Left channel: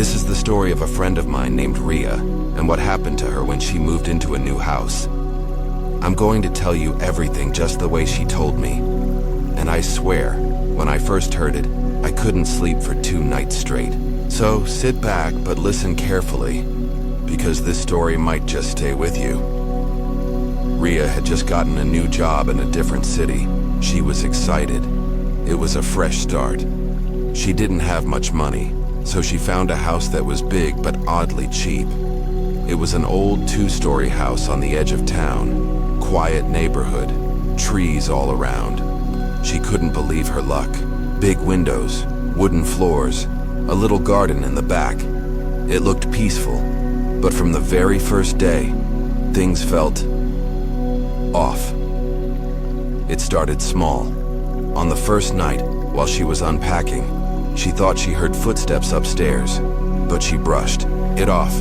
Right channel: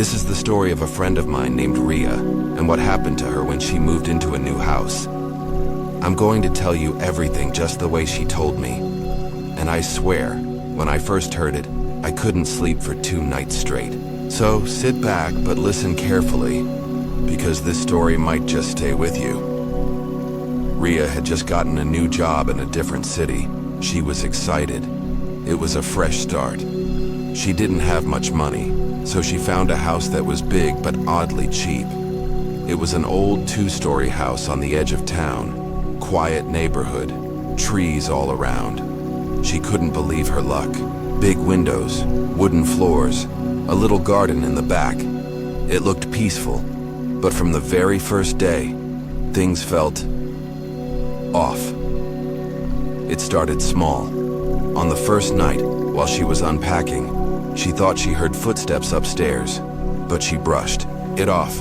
This is the story of a friend of mine named Ria, and what happened to her when she moved into a new house. I'm going to tell you everything just the way she told me. And I swear, when I first heard it, I couldn't sleep for 2 nights straight. So sit back, but listen carefully, because this story might just stay with you. Ria had just gotten a new job in a different city. She was excited. It was a fresh start. She didn't have much money, so she found a house that was big but oddly cheap. It was an old 2-story house on the edge of town, quiet neighborhood, trees all around. She couldn't believe her luck. Big windows, wooden floors, a little garden in the back. It looked peaceful, but from the very first day, things felt off. It started small. On the first night, while she was unpacking, she thought she heard footsteps upstairs, but she brushed it off.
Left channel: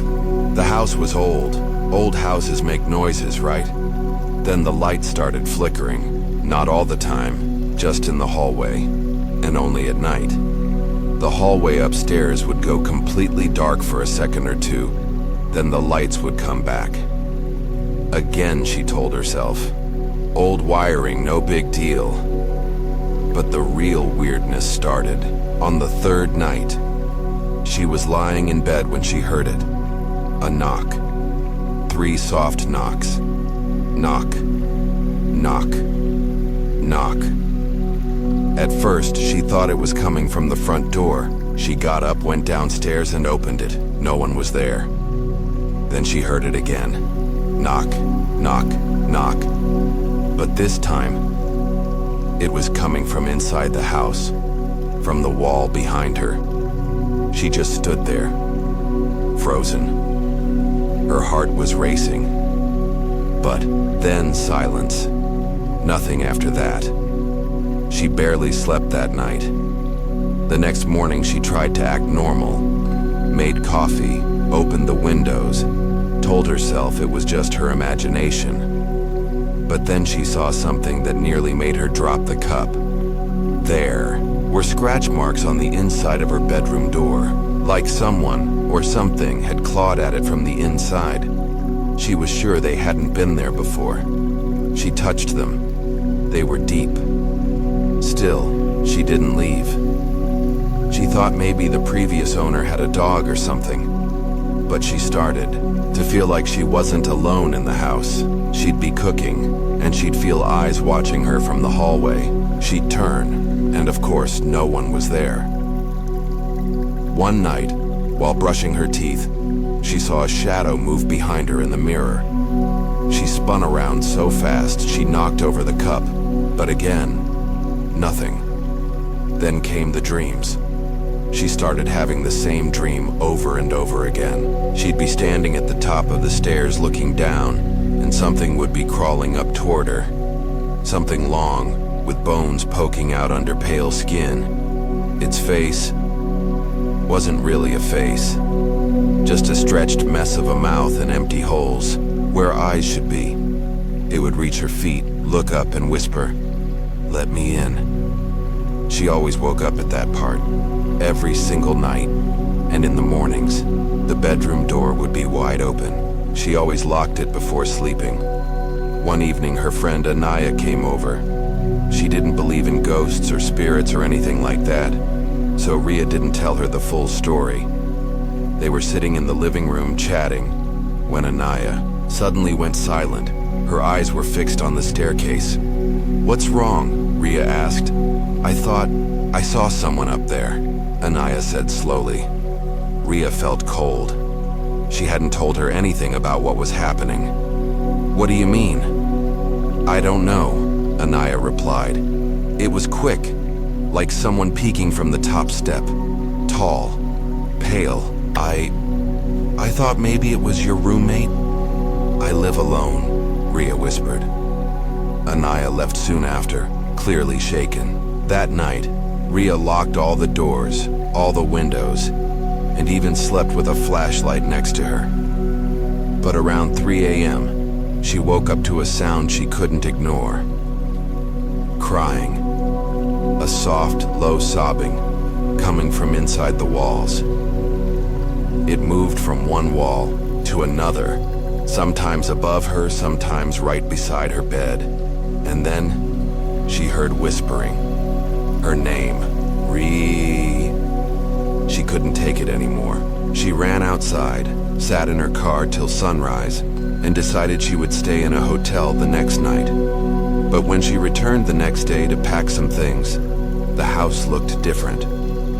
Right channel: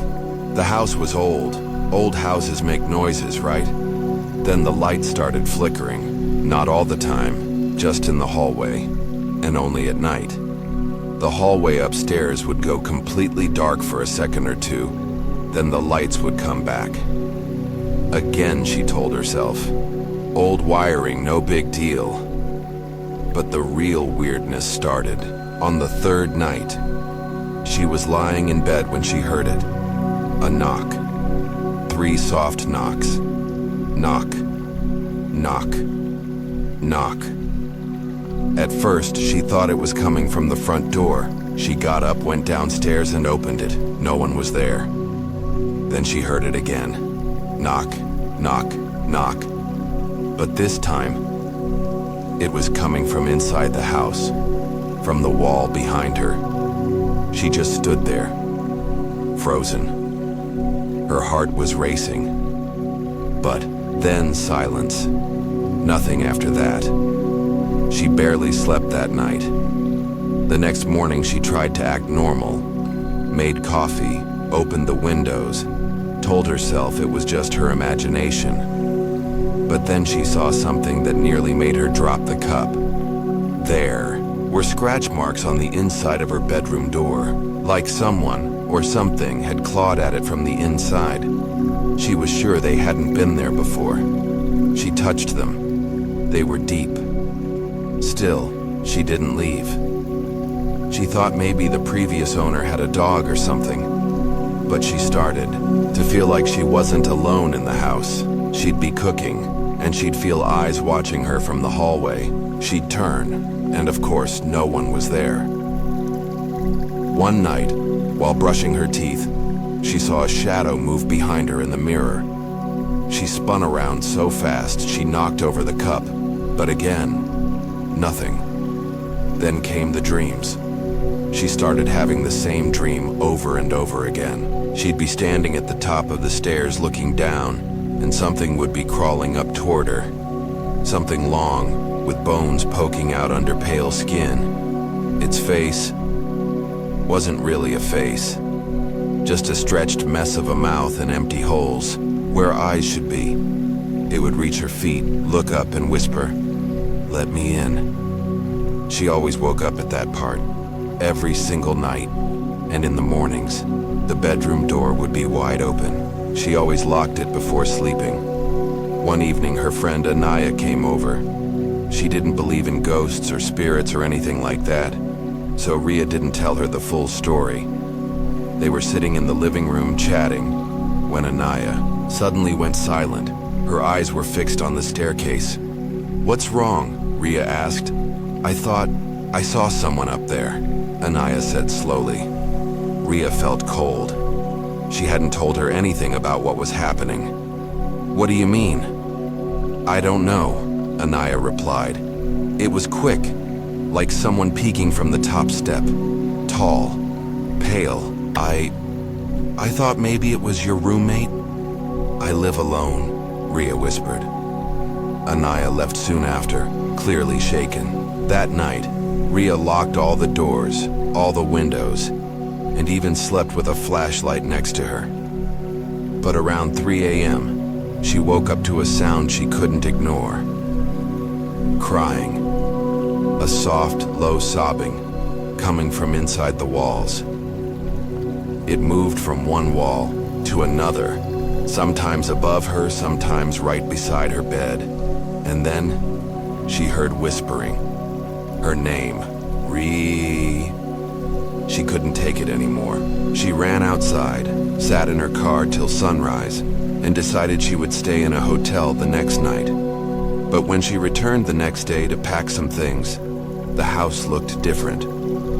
The house was old. Old houses make noises, right? Then the light started flickering, not all the time, just in the hallway, and only at night. The hallway upstairs would go completely dark for a second or two, then the lights would come back. Again, she told herself. Old wiring, no big deal. But the real weirdness started. On the 3rd night, she was lying in bed when she heard it. A knock. 3 soft knocks. Knock. Knock. Knock. At first, she thought it was coming from the front door. She got up, went downstairs, and opened it. No one was there. Then she heard it again. Knock, knock, knock. But this time, it was coming from inside the house, from the wall behind her. She just stood there, frozen. Her heart was racing. But then silence. Nothing after that. She barely slept that night. The next morning, she tried to act normal, made coffee, opened the windows, told herself it was just her imagination. But then she saw something that nearly made her drop the cup. There were scratch marks on the inside of her bedroom door, like someone or something had clawed at it from the inside. She was sure they hadn't been there before. She touched them. They were deep. Still, she didn't leave. She thought maybe the previous owner had a dog or something. But she started to feel like she wasn't alone in the house. She'd be cooking, and she'd feel eyes watching her from the hallway. She'd turn, and of course, no one was there. One night, while brushing her teeth, she saw a shadow move behind her in the mirror. She spun around so fast she knocked over the cup, but again, nothing. Then came the dreams. She started having the same dream over and over again. She'd be standing at the top of the stairs looking down, and something would be crawling up toward her. Something long, with bones poking out under pale skin. Its face wasn't really a face, just a stretched mess of a mouth and empty holes, where eyes should be. It would reach her feet, look up and whisper, "Let me in." She always woke up at that part. Every single night, and in the mornings, the bedroom door would be wide open. She always locked it before sleeping. One evening, her friend Anaya came over. She didn't believe in ghosts or spirits or anything like that, so Ria didn't tell her the full story. They were sitting in the living room chatting, when Anaya suddenly went silent. Her eyes were fixed on the staircase. "What's wrong?" Ria asked. "I thought I saw someone up there," Anaya said slowly. Ria felt cold. She hadn't told her anything about what was happening. "What do you mean?" "I don't know," Anaya replied. "It was quick, like someone peeking from the top step. Tall, pale. I thought maybe it was your roommate." "I live alone," Ria whispered. Anaya left soon after, clearly shaken. That night, Ria locked all the doors, all the windows, and even slept with a flashlight next to her. But around 3 a.m., she woke up to a sound she couldn't ignore. Crying. A soft, low sobbing, coming from inside the walls. It moved from one wall to another, sometimes above her, sometimes right beside her bed. And then she heard whispering. Her name, Ree. She couldn't take it anymore. She ran outside, sat in her car till sunrise, and decided she would stay in a hotel the next night. But when she returned the next day to pack some things, the house looked different.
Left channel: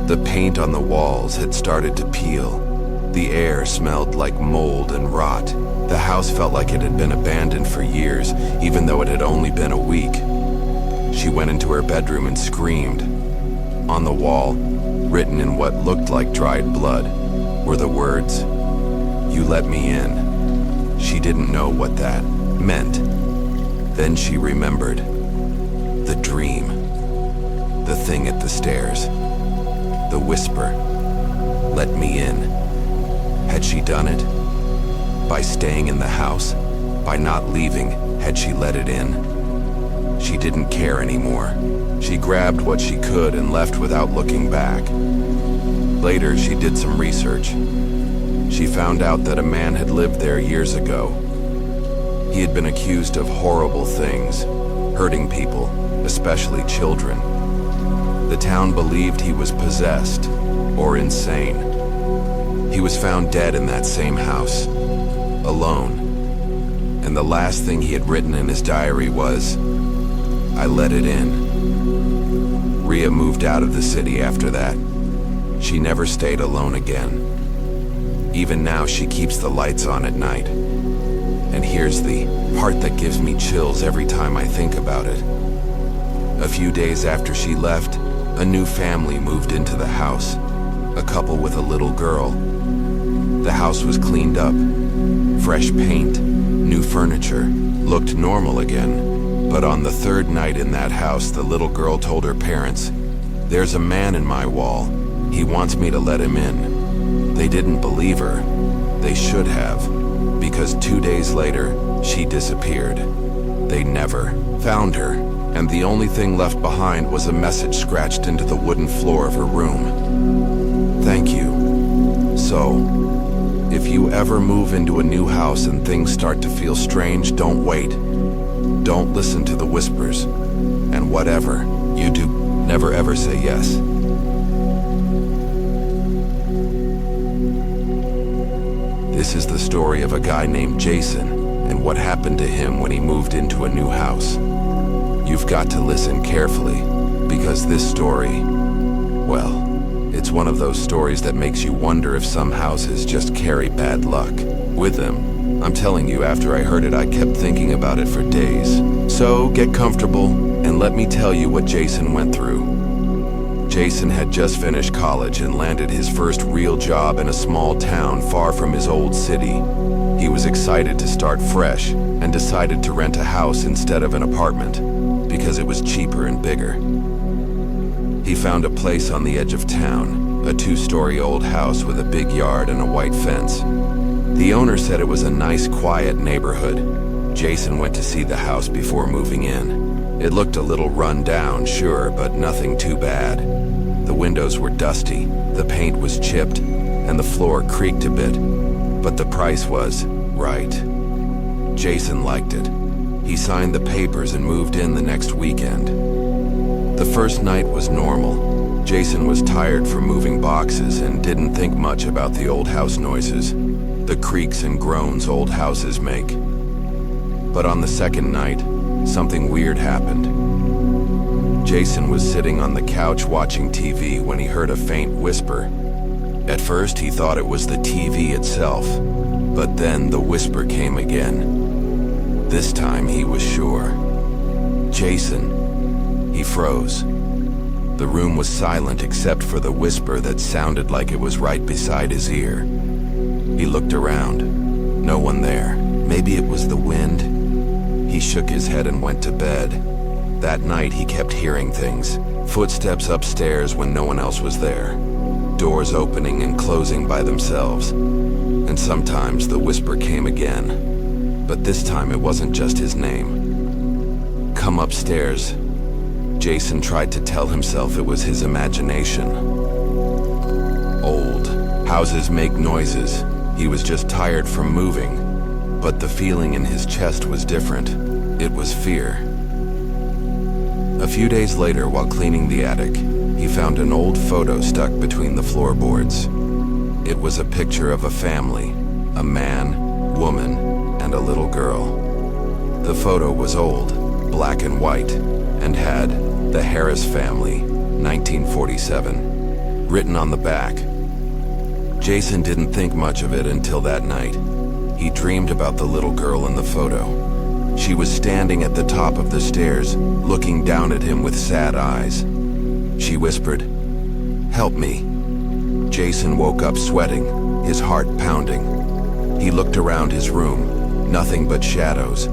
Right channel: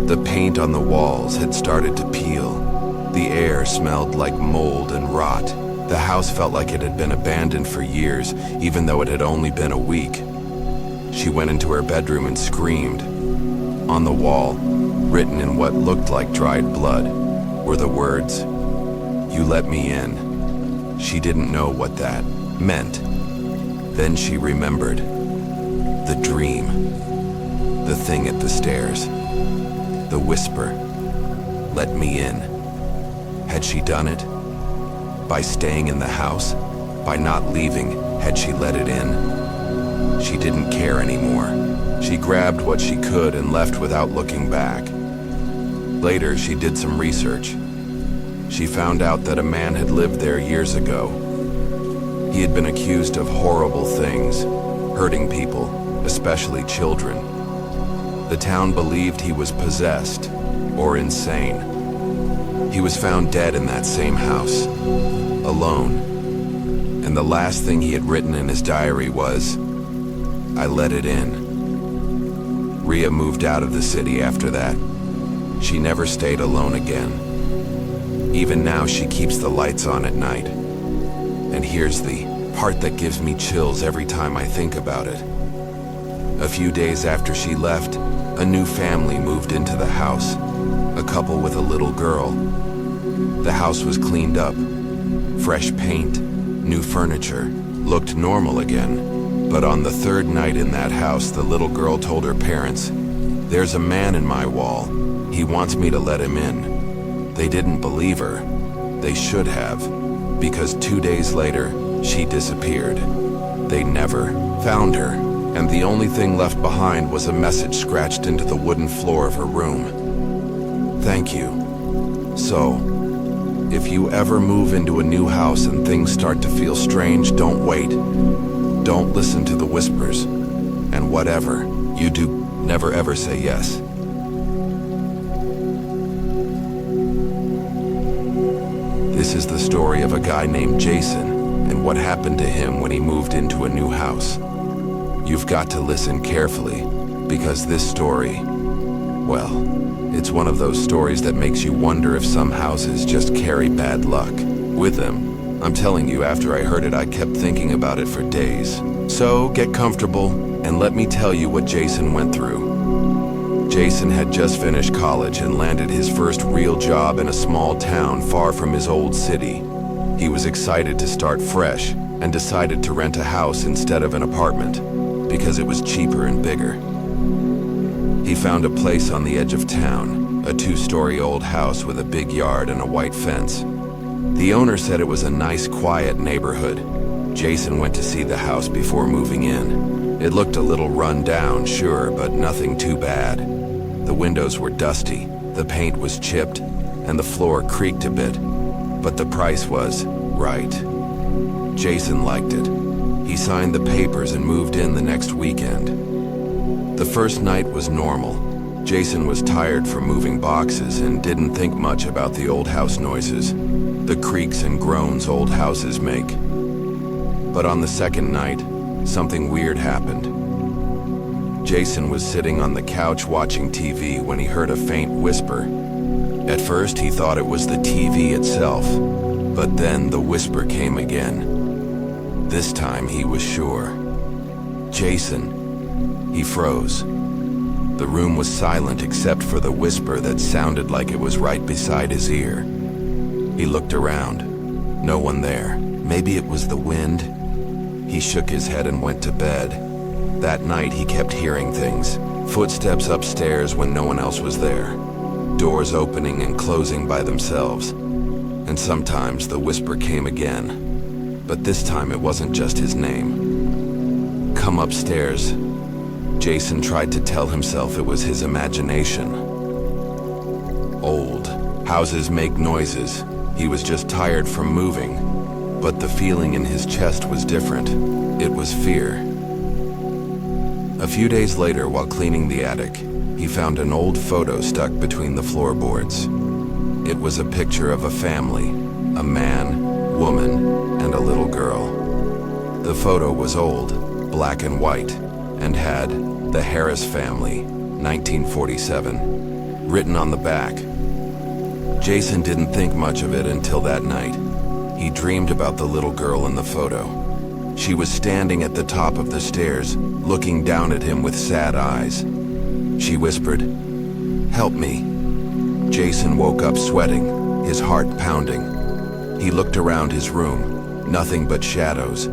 The paint on the walls had started to peel. The air smelled like mold and rot. The house felt like it had been abandoned for years, even though it had only been a week. She went into her bedroom and screamed. On the wall, written in what looked like dried blood, were the words, "You let me in." She didn't know what that meant. Then she remembered. The dream. The thing at the stairs. The whisper. Let me in. Had she done it? By staying in the house? By not leaving, had she let it in? She didn't care anymore. She grabbed what she could and left without looking back. Later, she did some research. She found out that a man had lived there years ago. He had been accused of horrible things, hurting people, especially children. The town believed he was possessed or insane. He was found dead in that same house, alone. And the last thing he had written in his diary was, "I let it in." Rhea moved out of the city after that. She never stayed alone again. Even now, she keeps the lights on at night. And here's the part that gives me chills every time I think about it. A few days after she left, a new family moved into the house, a couple with a little girl. The house was cleaned up, fresh paint, new furniture, looked normal again. But on the third night in that house, the little girl told her parents, "There's a man in my wall. He wants me to let him in." They didn't believe her. They should have, because 2 days later, she disappeared. They never found her, and the only thing left behind was a message scratched into the wooden floor of her room. "Thank you." So, if you ever move into a new house and things start to feel strange, don't wait. Don't listen to the whispers. And whatever you do, never ever say yes. This is the story of a guy named Jason and what happened to him when he moved into a new house. You've got to listen carefully, because this story, well, it's one of those stories that makes you wonder if some houses just carry bad luck with them. I'm telling you, after I heard it, I kept thinking about it for days. So get comfortable and let me tell you what Jason went through. Jason had just finished college and landed his first real job in a small town far from his old city. He was excited to start fresh and decided to rent a house instead of an apartment because it was cheaper and bigger. He found a place on the edge of town, a 2-story old house with a big yard and a white fence. The owner said it was a nice, quiet neighborhood. Jason went to see the house before moving in. It looked a little run down, sure, but nothing too bad. The windows were dusty, the paint was chipped, and the floor creaked a bit. But the price was right. Jason liked it. He signed the papers and moved in the next weekend. The first night was normal. Jason was tired from moving boxes and didn't think much about the old house noises, the creaks and groans old houses make. But on the second night, something weird happened. Jason was sitting on the couch watching TV when he heard a faint whisper. At first, he thought it was the TV itself, but then the whisper came again. This time, he was sure. "Jason." He froze. The room was silent except for the whisper that sounded like it was right beside his ear. He looked around. No one there. Maybe it was the wind. He shook his head and went to bed. That night, he kept hearing things. Footsteps upstairs when no one else was there. Doors opening and closing by themselves. And sometimes the whisper came again. But this time it wasn't just his name. "Come upstairs." Jason tried to tell himself it was his imagination. Old Houses make noises. He was just tired from moving. But the feeling in his chest was different. It was fear. A few days later, while cleaning the attic, he found an old photo stuck between the floorboards. It was a picture of a family, a man, woman, and a little girl. The photo was old, black and white, and had "The Harris Family, 1947" written on the back. Jason didn't think much of it until that night. He dreamed about the little girl in the photo. She was standing at the top of the stairs, looking down at him with sad eyes. She whispered, "Help me." Jason woke up sweating, his heart pounding. He looked around his room, nothing but shadows.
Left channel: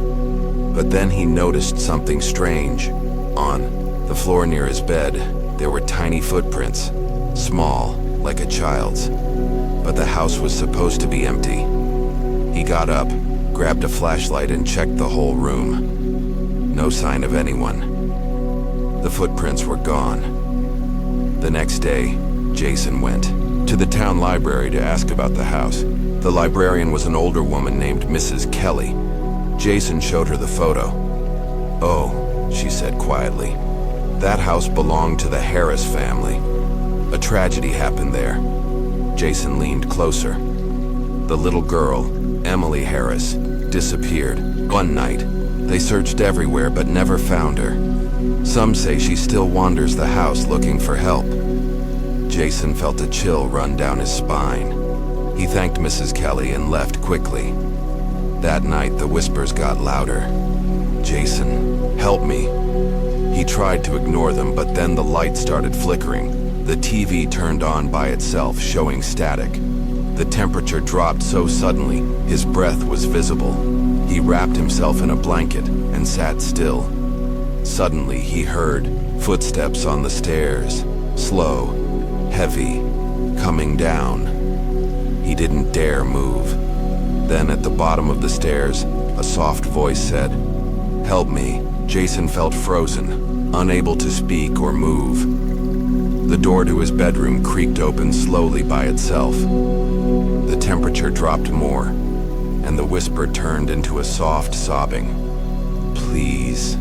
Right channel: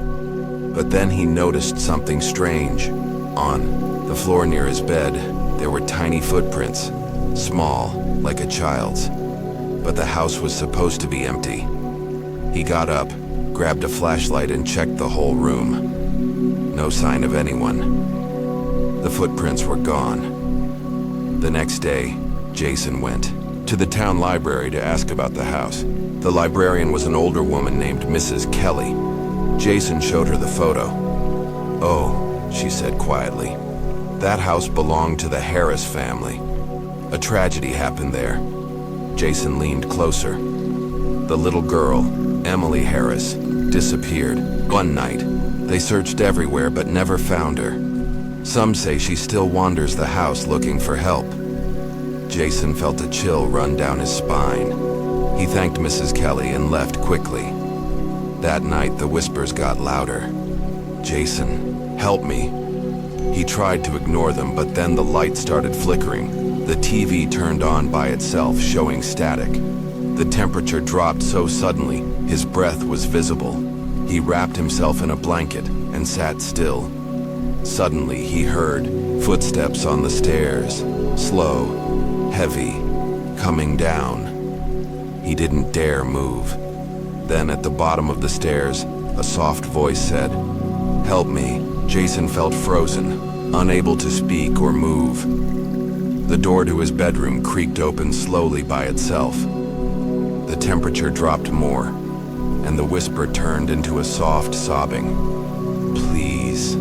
But then he noticed something strange. On the floor near his bed, there were tiny footprints, small, like a child's. But the house was supposed to be empty. He got up, grabbed a flashlight, and checked the whole room. No sign of anyone. The footprints were gone. The next day, Jason went to the town library to ask about the house. The librarian was an older woman named Mrs. Kelly. Jason showed her the photo. "Oh," she said quietly, "that house belonged to the Harris family. A tragedy happened there." Jason leaned closer. The little girl, Emily Harris, disappeared. One night, they searched everywhere but never found her. Some say she still wanders the house looking for help. Jason felt a chill run down his spine. He thanked Mrs. Kelly and left quickly. That night, the whispers got louder. "Jason, help me." He tried to ignore them, but then the light started flickering. The TV turned on by itself, showing static. The temperature dropped so suddenly, his breath was visible. He wrapped himself in a blanket and sat still. Suddenly, he heard footsteps on the stairs, slow, heavy, coming down. He didn't dare move. Then at the bottom of the stairs, a soft voice said, "Help me." Jason felt frozen, unable to speak or move. The door to his bedroom creaked open slowly by itself. The temperature dropped more, and the whisper turned into a soft sobbing. "Please."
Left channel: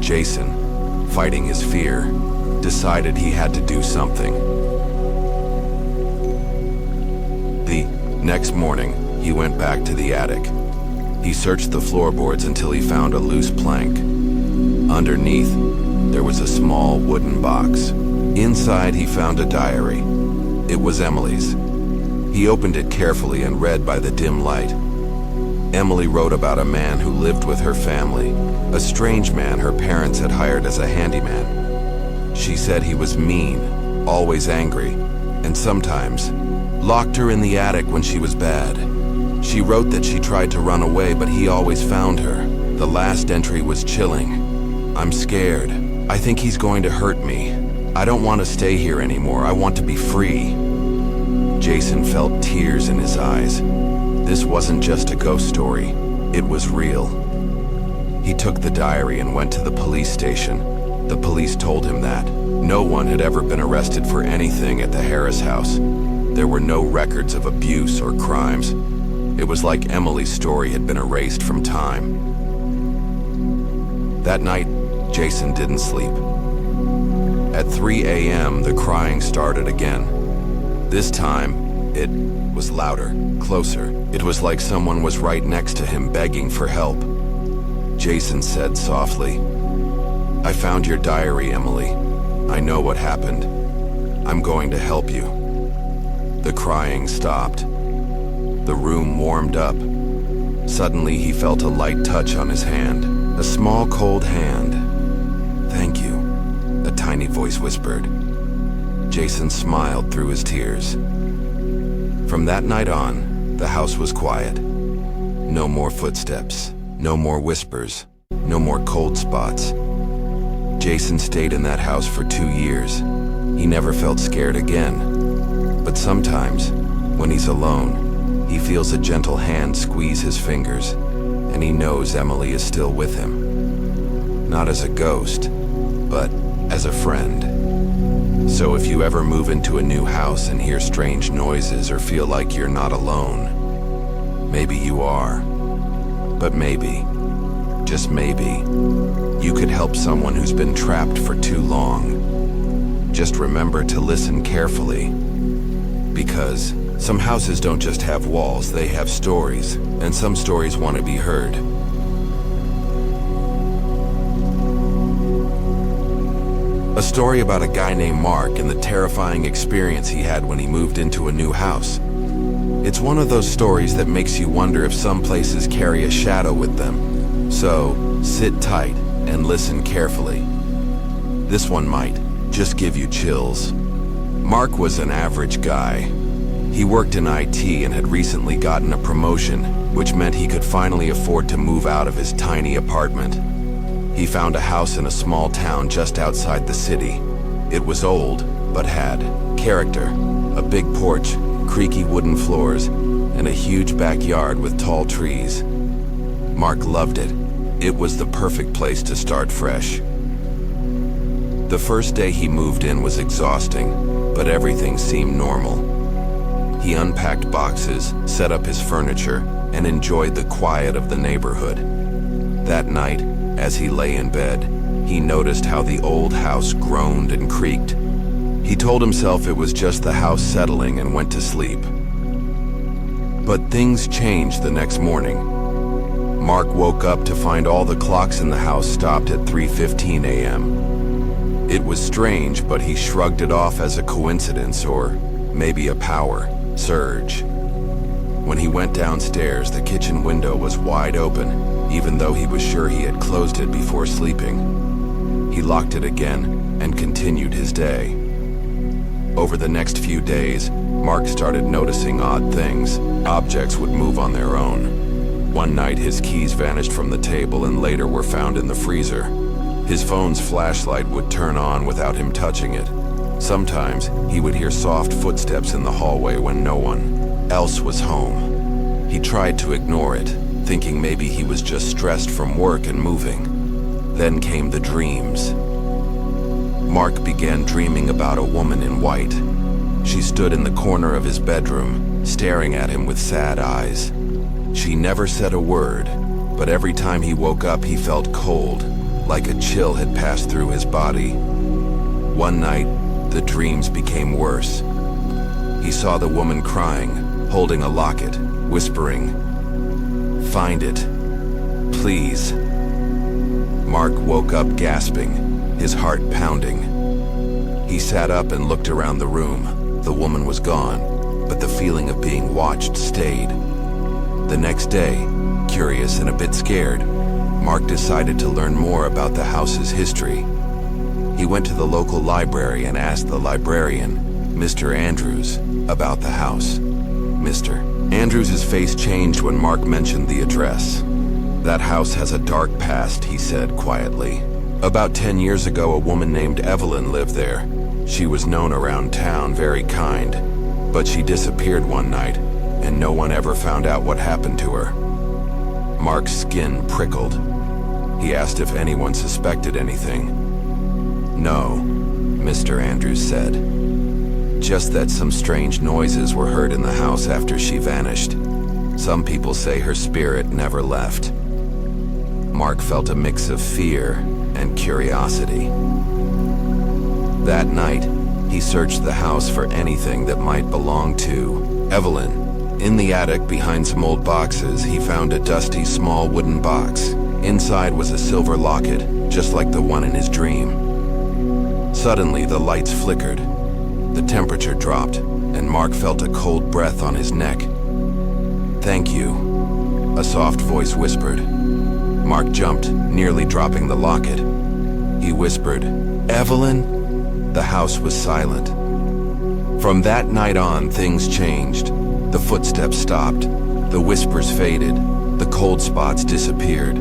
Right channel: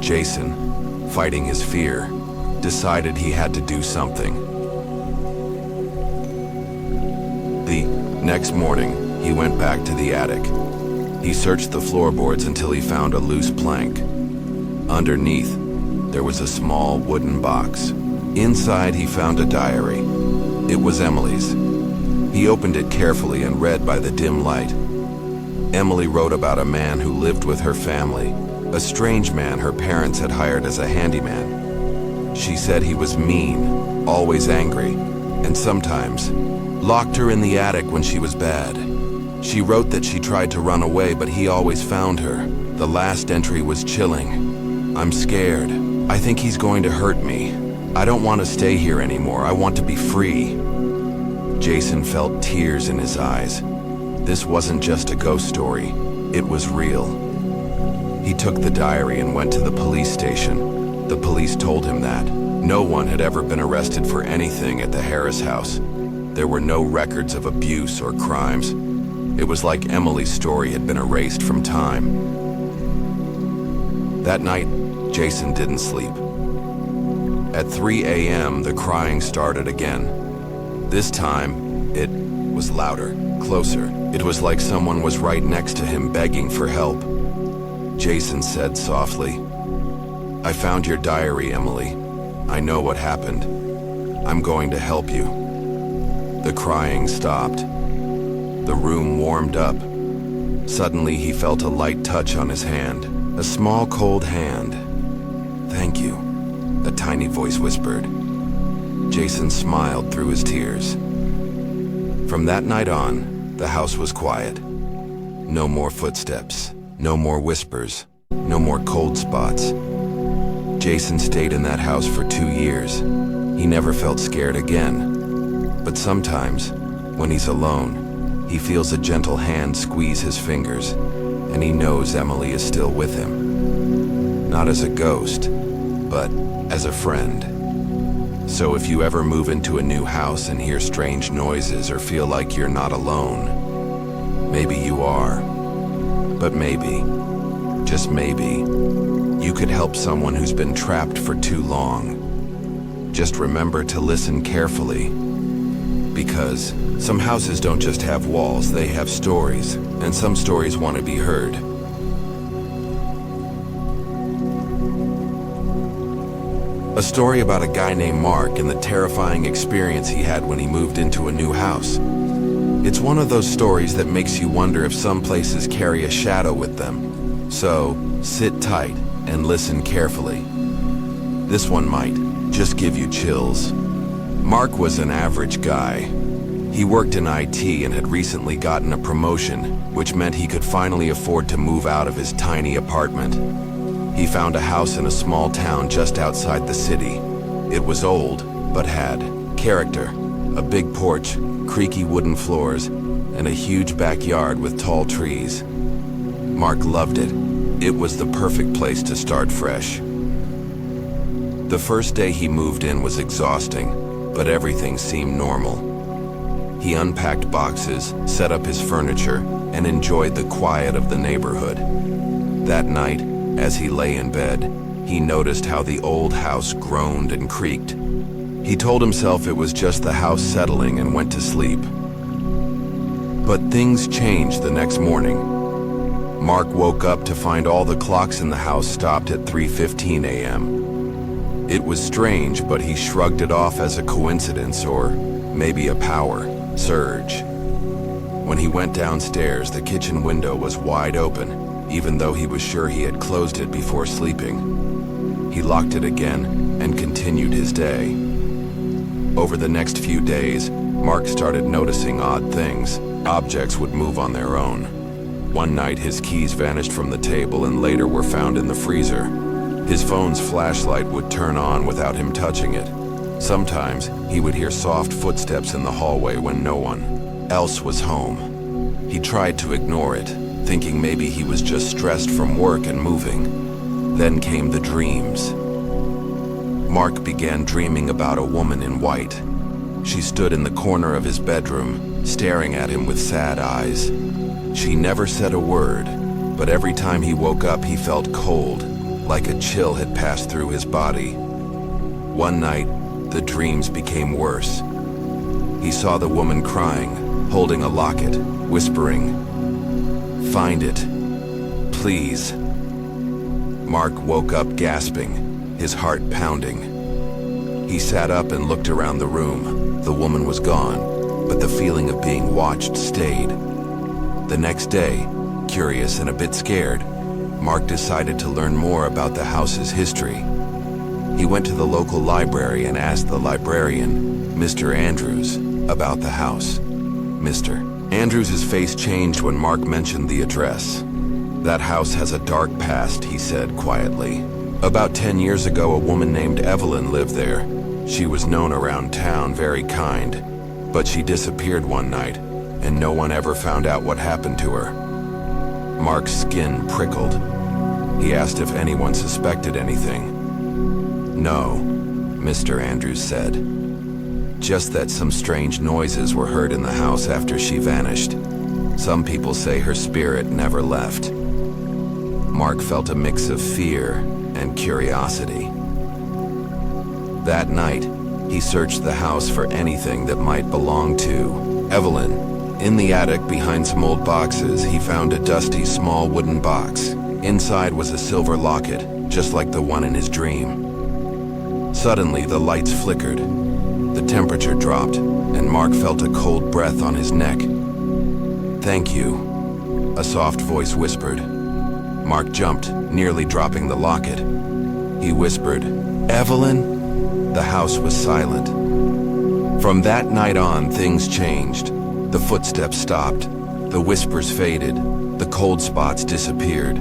Jason, fighting his fear, decided he had to do something. The next morning, he went back to the attic. He searched the floorboards until he found a loose plank. Underneath, there was a small wooden box. Inside, he found a diary. It was Emily's. He opened it carefully and read by the dim light. Emily wrote about a man who lived with her family, a strange man her parents had hired as a handyman. She said he was mean, always angry, and sometimes locked her in the attic when she was bad. She wrote that she tried to run away, but he always found her. The last entry was chilling. "I'm scared. I think he's going to hurt me. I don't want to stay here anymore. I want to be free." Jason felt tears in his eyes. This wasn't just a ghost story. It was real. He took the diary and went to the police station. The police told him that no one had ever been arrested for anything at the Harris house. There were no records of abuse or crimes. It was like Emily's story had been erased from time. That night, Jason didn't sleep. At 3 a.m., the crying started again. This time, it was louder, closer. It was like someone was right next to him begging for help. Jason said softly, "I found your diary, Emily. I know what happened. I'm going to help you." The crying stopped. The room warmed up. Suddenly, he felt a light touch on his hand, a small cold hand. "Thank you," a tiny voice whispered. Jason smiled through his tears. From that night on, the house was quiet. No more footsteps, no more whispers, no more cold spots. Jason stayed in that house for 2 years. He never felt scared again. But sometimes, when he's alone, he feels a gentle hand squeeze his fingers, and he knows Emily is still with him. Not as a ghost, but as a friend. So if you ever move into a new house and hear strange noises or feel like you're not alone, maybe you are. But maybe, just maybe, you could help someone who's been trapped for too long. Just remember to listen carefully, because some houses don't just have walls, they have stories, and some stories want to be heard. A story about a guy named Mark and the terrifying experience he had when he moved into a new house. It's one of those stories that makes you wonder if some places carry a shadow with them. So, sit tight and listen carefully. This one might just give you chills. Mark was an average guy. He worked in IT and had recently gotten a promotion, which meant he could finally afford to move out of his tiny apartment. He found a house in a small town just outside the city. It was old, but had character. A big porch, creaky wooden floors, and a huge backyard with tall trees. Mark loved it. It was the perfect place to start fresh. The first day he moved in was exhausting, but everything seemed normal. He unpacked boxes, set up his furniture, and enjoyed the quiet of the neighborhood. That night, as he lay in bed, he noticed how the old house groaned and creaked. He told himself it was just the house settling and went to sleep. But things changed the next morning. Mark woke up to find all the clocks in the house stopped at 3:15 a.m. It was strange, but he shrugged it off as a coincidence or maybe a power surge. When he went downstairs, the kitchen window was wide open, even though he was sure he had closed it before sleeping. He locked it again and continued his day. Over the next few days, Mark started noticing odd things. Objects would move on their own. One night, his keys vanished from the table and later were found in the freezer. His phone's flashlight would turn on without him touching it. Sometimes, he would hear soft footsteps in the hallway when no one else was home. He tried to ignore it, thinking maybe he was just stressed from work and moving. Then came the dreams. Mark began dreaming about a woman in white. She stood in the corner of his bedroom, staring at him with sad eyes. She never said a word, but every time he woke up he felt cold, like a chill had passed through his body. One night, the dreams became worse. He saw the woman crying, holding a locket, whispering, "Find it, please." Mark woke up gasping, his heart pounding. He sat up and looked around the room. The woman was gone, but the feeling of being watched stayed. The next day, curious and a bit scared, Mark decided to learn more about the house's history. He went to the local library and asked the librarian, Mr. Andrews, about the house. Mr. Andrews' face changed when Mark mentioned the address. "That house has a dark past," he said quietly. "About 10 years ago, a woman named Evelyn lived there. She was known around town, very kind. But she disappeared one night, and no one ever found out what happened to her." Mark's skin prickled. He asked if anyone suspected anything. "No," Mr. Andrews said. "Just that some strange noises were heard in the house after she vanished. Some people say her spirit never left." Mark felt a mix of fear and curiosity. That night, he searched the house for anything that might belong to Evelyn. In the attic behind some old boxes, he found a dusty small wooden box. Inside was a silver locket, just like the one in his dream. Suddenly, the lights flickered. The temperature dropped, and Mark felt a cold breath on his neck. "Thank you," a soft voice whispered. Mark jumped, nearly dropping the locket. He whispered, "Evelyn?" The house was silent. From that night on, things changed. The footsteps stopped. The whispers faded. The cold spots disappeared.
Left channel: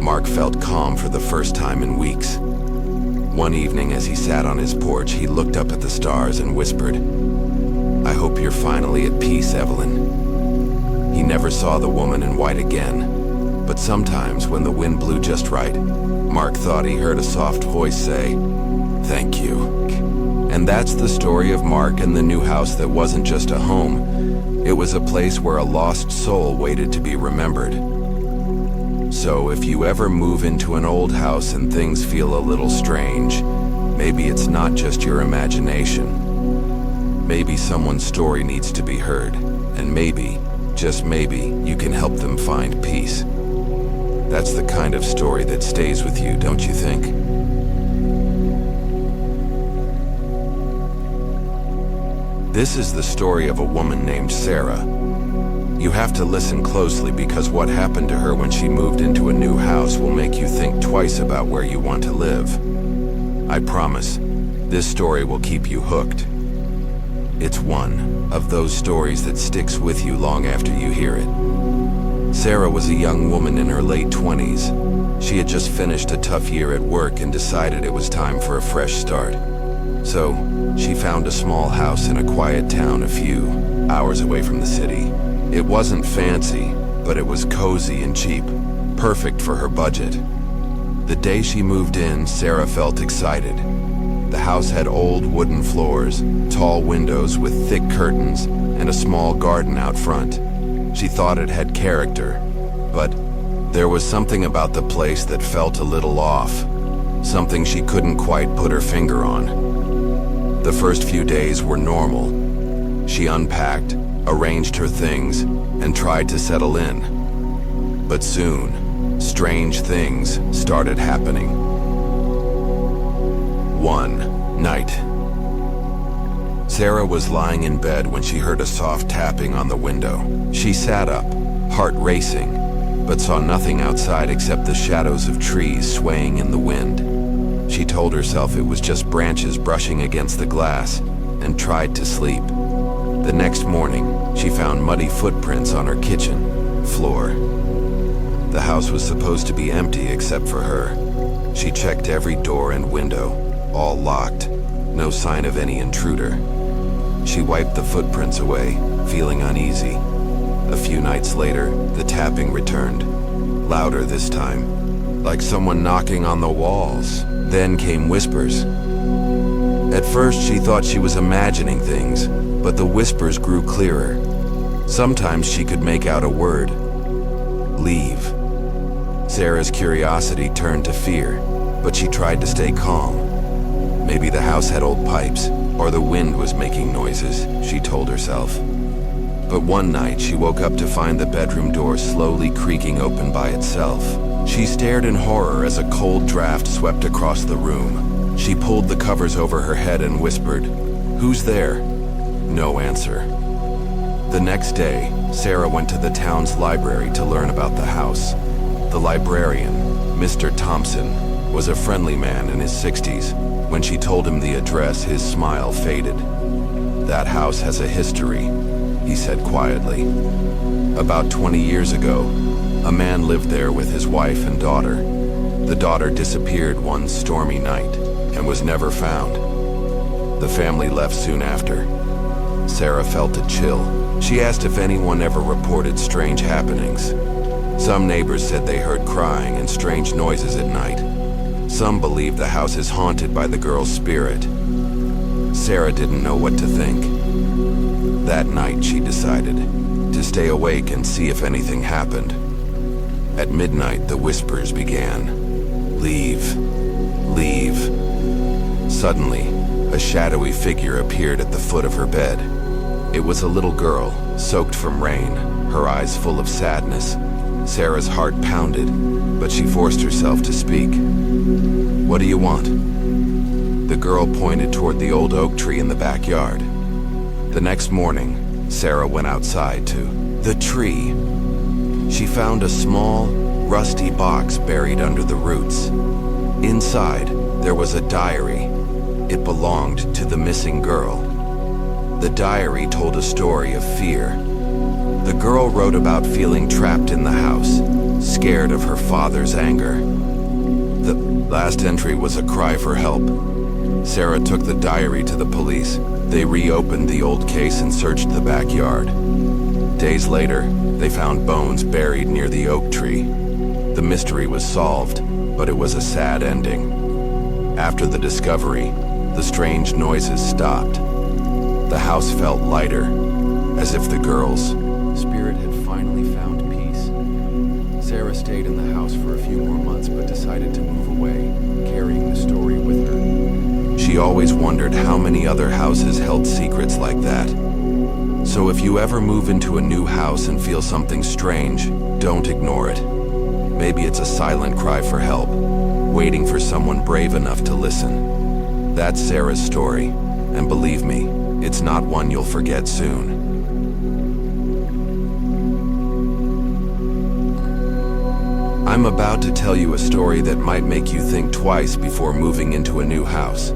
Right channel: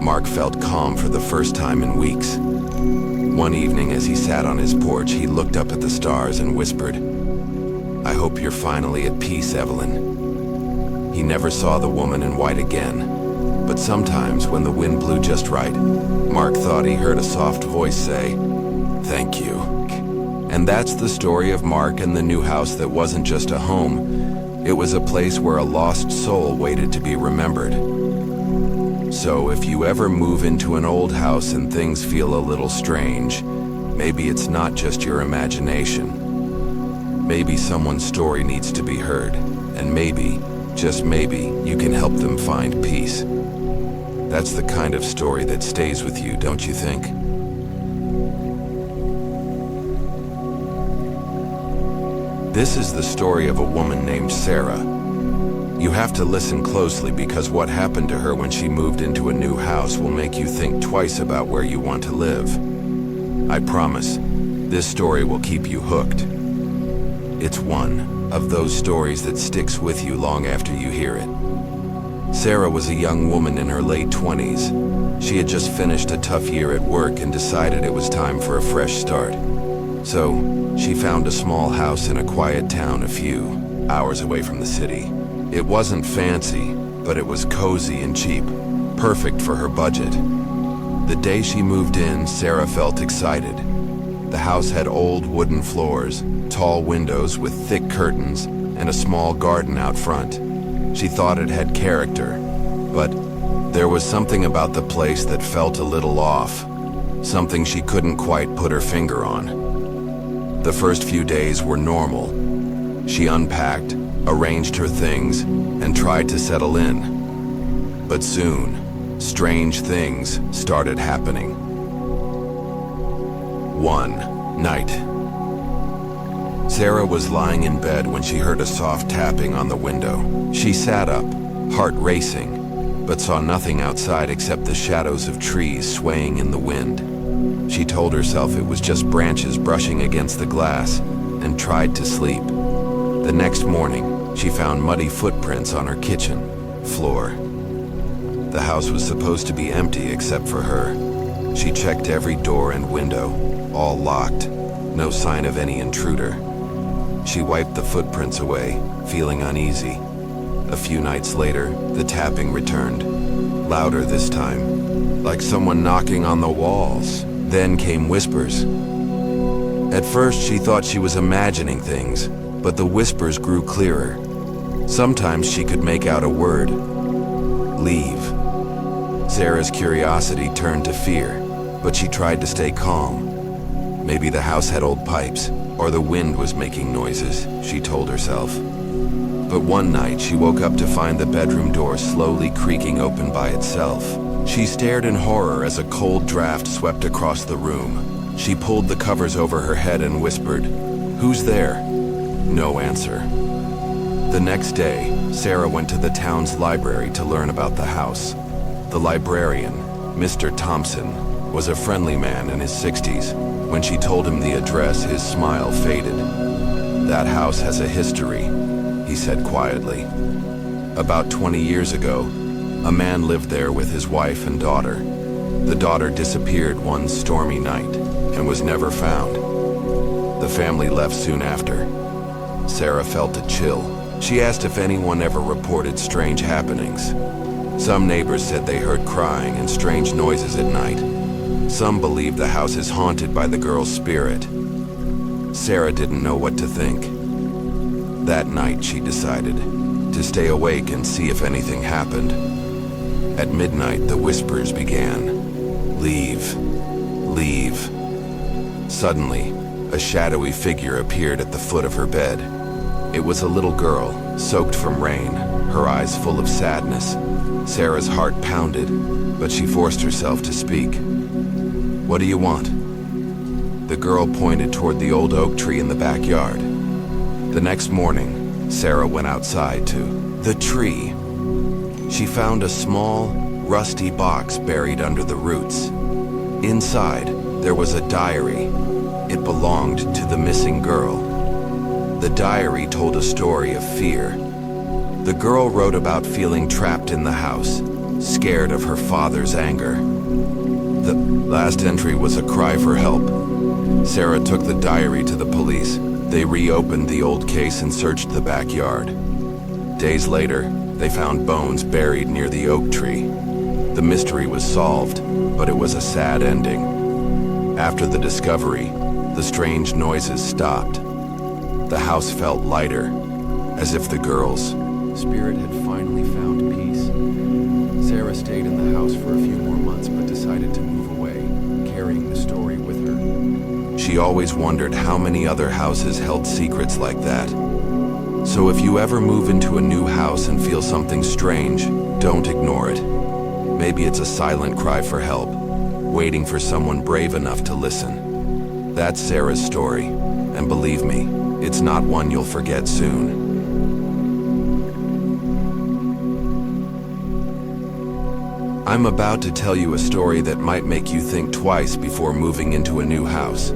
Mark felt calm for the first time in weeks. One evening, as he sat on his porch, he looked up at the stars and whispered, "I hope you're finally at peace, Evelyn." He never saw the woman in white again, but sometimes when the wind blew just right, Mark thought he heard a soft voice say, "Thank you." And that's the story of Mark and the new house that wasn't just a home. It was a place where a lost soul waited to be remembered. So if you ever move into an old house and things feel a little strange, maybe it's not just your imagination. Maybe someone's story needs to be heard, and maybe, just maybe, you can help them find peace. That's the kind of story that stays with you, don't you think? This is the story of a woman named Sarah. You have to listen closely because what happened to her when she moved into a new house will make you think twice about where you want to live. I promise, this story will keep you hooked. It's one of those stories that sticks with you long after you hear it. Sarah was a young woman in her late 20s. She had just finished a tough year at work and decided it was time for a fresh start. So, she found a small house in a quiet town a few hours away from the city. It wasn't fancy, but it was cozy and cheap, perfect for her budget. The day she moved in, Sarah felt excited. The house had old wooden floors, tall windows with thick curtains, and a small garden out front. She thought it had character, but there was something about the place that felt a little off, something she couldn't quite put her finger on. The first few days were normal. She unpacked, arranged her things, and tried to settle in. But soon, strange things started happening. One night, Sarah was lying in bed when she heard a soft tapping on the window. She sat up, heart racing, but saw nothing outside except the shadows of trees swaying in the wind. She told herself it was just branches brushing against the glass and tried to sleep. The next morning, she found muddy footprints on her kitchen floor. The house was supposed to be empty except for her. She checked every door and window, all locked, no sign of any intruder. She wiped the footprints away, feeling uneasy. A few nights later, the tapping returned, louder this time, like someone knocking on the walls. Then came whispers. At first, she thought she was imagining things, but the whispers grew clearer. Sometimes she could make out a word. Leave. Sarah's curiosity turned to fear, but she tried to stay calm. Maybe the house had old pipes, or the wind was making noises, she told herself. But one night she woke up to find the bedroom door slowly creaking open by itself. She stared in horror as a cold draft swept across the room. She pulled the covers over her head and whispered, "Who's there?" No answer. The next day, Sarah went to the town's library to learn about the house. The librarian, Mr. Thompson, was a friendly man in his 60s. When she told him the address, his smile faded. "That house has a history," he said quietly. "About 20 years ago, a man lived there with his wife and daughter. The daughter disappeared one stormy night and was never found. The family left soon after." Sarah felt a chill. She asked if anyone ever reported strange happenings. Some neighbors said they heard crying and strange noises at night. Some believed the house is haunted by the girl's spirit. Sarah didn't know what to think. That night, she decided to stay awake and see if anything happened. At midnight, the whispers began. "Leave. Leave." Suddenly, a shadowy figure appeared at the foot of her bed. It was a little girl, soaked from rain, her eyes full of sadness. Sarah's heart pounded, but she forced herself to speak. "What do you want?" The girl pointed toward the old oak tree in the backyard. The next morning, Sarah went outside to the tree. She found a small, rusty box buried under the roots. Inside, there was a diary. It belonged to the missing girl. The diary told a story of fear. The girl wrote about feeling trapped in the house, scared of her father's anger. The last entry was a cry for help. Sarah took the diary to the police. They reopened the old case and searched the backyard. Days later, they found bones buried near the oak tree. The mystery was solved, but it was a sad ending. After the discovery, the strange noises stopped. The house felt lighter, as if the girl's spirit had finally found peace. Sarah stayed in the house for a few more months but decided to move away, carrying the story with her. She always wondered how many other houses held secrets like that. So if you ever move into a new house and feel something strange, don't ignore it. Maybe it's a silent cry for help, waiting for someone brave enough to listen. That's Sarah's story, and believe me, it's not one you'll forget soon. I'm about to tell you a story that might make you think twice before moving into a new house.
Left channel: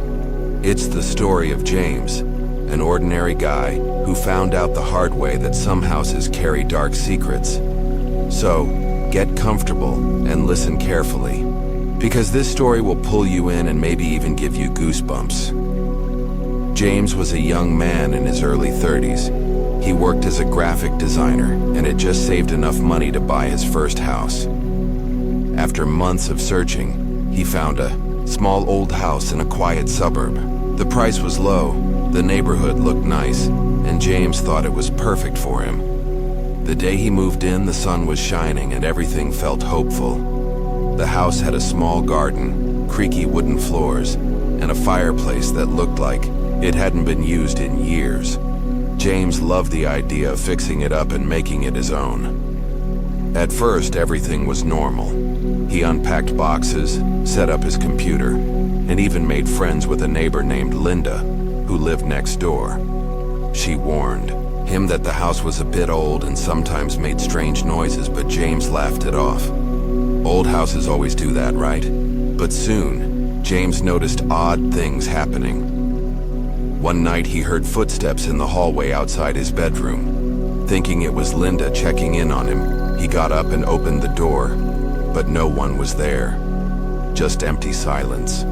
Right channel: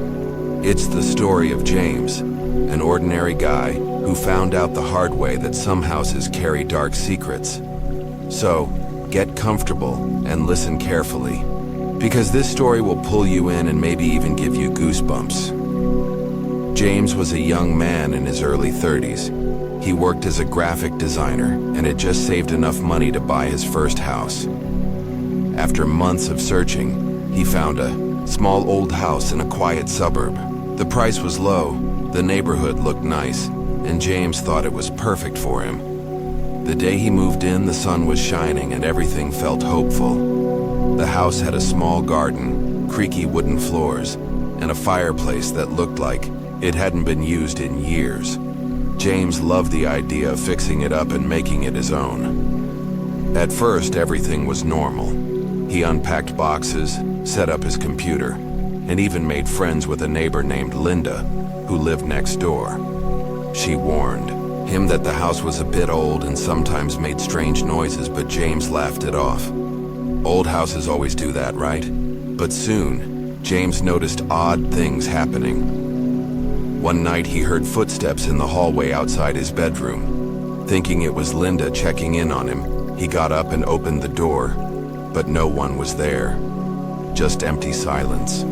It's the story of James, an ordinary guy who found out the hard way that some houses carry dark secrets. So, get comfortable and listen carefully, because this story will pull you in and maybe even give you goosebumps. James was a young man in his early 30s. He worked as a graphic designer and had just saved enough money to buy his first house. After months of searching, he found a small old house in a quiet suburb. The price was low, the neighborhood looked nice, and James thought it was perfect for him. The day he moved in, the sun was shining and everything felt hopeful. The house had a small garden, creaky wooden floors, and a fireplace that looked like it hadn't been used in years. James loved the idea of fixing it up and making it his own. At first, everything was normal. He unpacked boxes, set up his computer, and even made friends with a neighbor named Linda, who lived next door. She warned him that the house was a bit old and sometimes made strange noises, but James laughed it off. Old houses always do that, right? But soon, James noticed odd things happening. One night he heard footsteps in the hallway outside his bedroom. Thinking it was Linda checking in on him, he got up and opened the door, but no one was there. Just empty silence.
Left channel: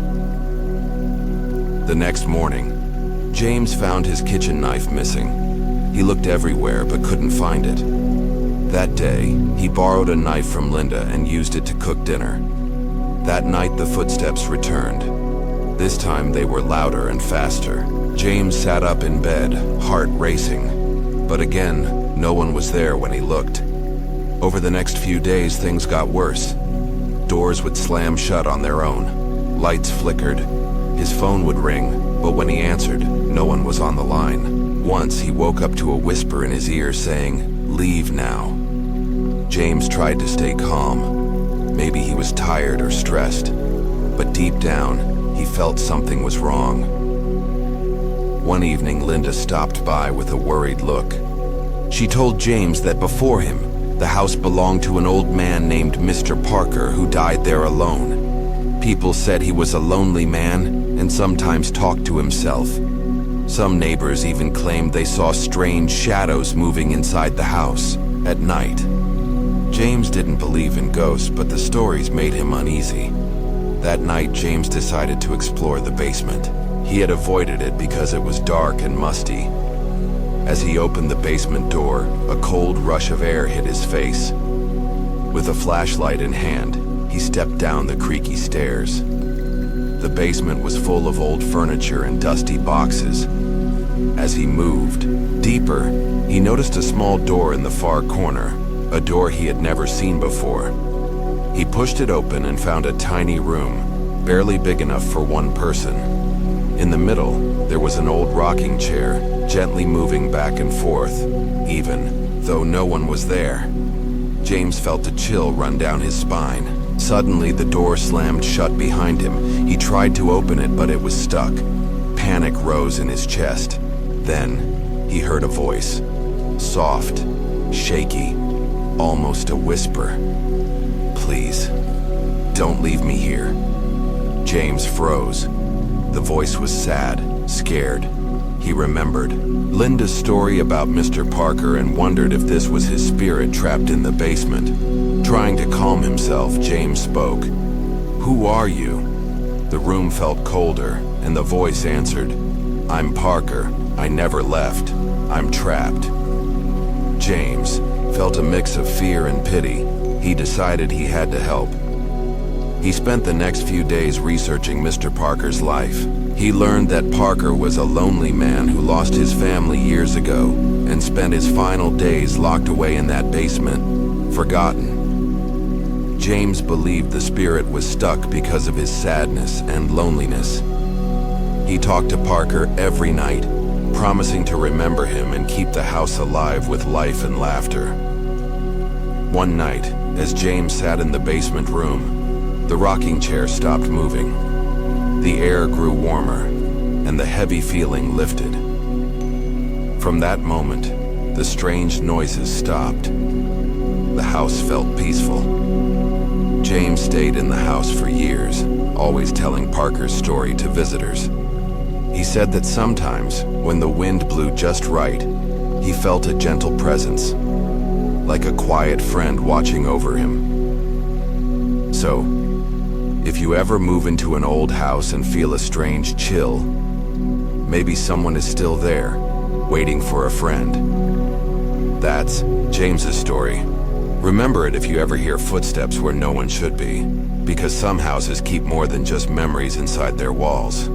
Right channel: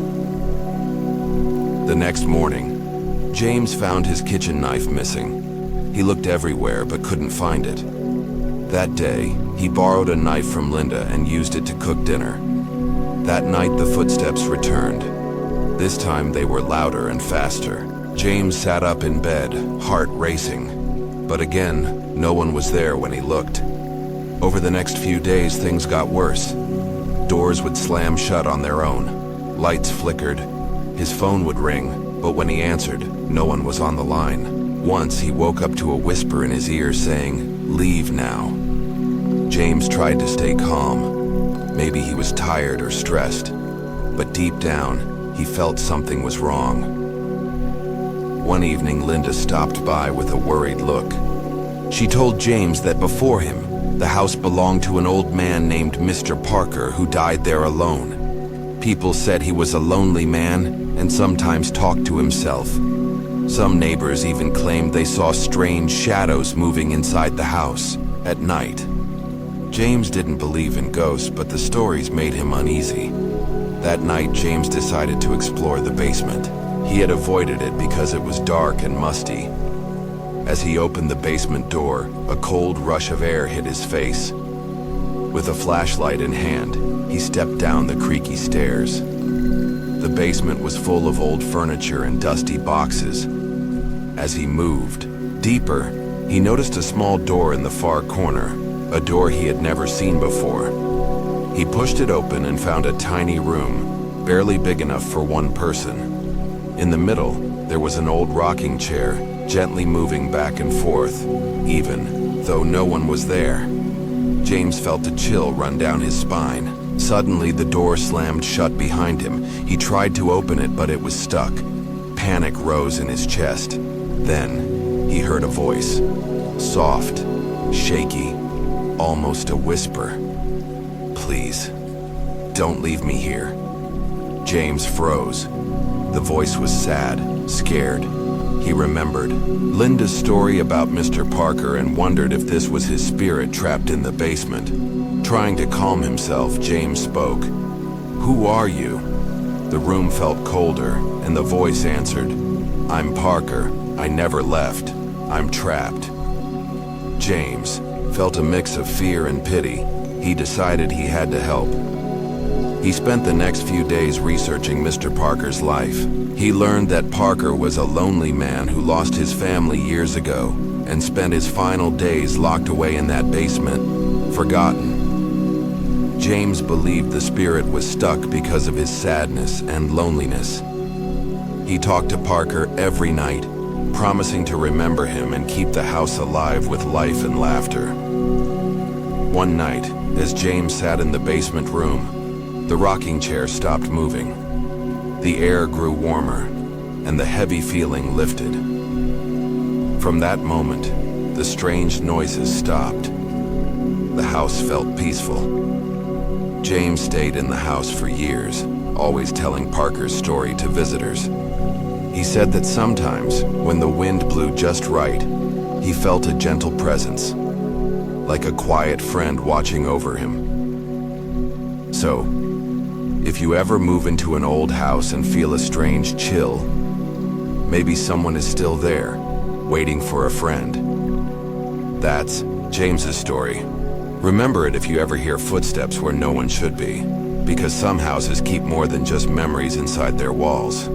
The next morning, James found his kitchen knife missing. He looked everywhere but couldn't find it. That day, he borrowed a knife from Linda and used it to cook dinner. That night, the footsteps returned. This time, they were louder and faster. James sat up in bed, heart racing. But again, no one was there when he looked. Over the next few days, things got worse. Doors would slam shut on their own. Lights flickered. His phone would ring, but when he answered, no one was on the line. Once, he woke up to a whisper in his ear saying, "Leave now." James tried to stay calm. Maybe he was tired or stressed. But deep down, he felt something was wrong. One evening, Linda stopped by with a worried look. She told James that before him, the house belonged to an old man named Mr. Parker who died there alone. People said he was a lonely man and sometimes talked to himself. Some neighbors even claimed they saw strange shadows moving inside the house at night. James didn't believe in ghosts, but the stories made him uneasy. That night, James decided to explore the basement. He had avoided it because it was dark and musty. As he opened the basement door, a cold rush of air hit his face. With a flashlight in hand, he stepped down the creaky stairs. The basement was full of old furniture and dusty boxes. As he moved deeper, he noticed a small door in the far corner, a door he had never seen before. He pushed it open and found a tiny room, barely big enough for one person. In the middle, there was an old rocking chair, gently moving back and forth, even though no one was there. James felt a chill run down his spine. Suddenly, the door slammed shut behind him. He tried to open it, but it was stuck. Panic rose in his chest. Then, he heard a voice. Soft, shaky, almost a whisper. "Please, don't leave me here." James froze. The voice was sad, scared. He remembered Linda's story about Mr. Parker and wondered if this was his spirit trapped in the basement. Trying to calm himself, James spoke. "Who are you?" The room felt colder, and the voice answered, "I'm Parker. I never left. I'm trapped." James felt a mix of fear and pity. He decided he had to help. He spent the next few days researching Mr. Parker's life. He learned that Parker was a lonely man who lost his family years ago and spent his final days locked away in that basement, forgotten. James believed the spirit was stuck because of his sadness and loneliness. He talked to Parker every night, promising to remember him and keep the house alive with life and laughter. One night, as James sat in the basement room, the rocking chair stopped moving. The air grew warmer, and the heavy feeling lifted. From that moment, the strange noises stopped. The house felt peaceful. James stayed in the house for years, always telling Parker's story to visitors. He said that sometimes, when the wind blew just right, he felt a gentle presence, like a quiet friend watching over him. So, if you ever move into an old house and feel a strange chill, maybe someone is still there, waiting for a friend. That's James's story. Remember it if you ever hear footsteps where no one should be, because some houses keep more than just memories inside their walls.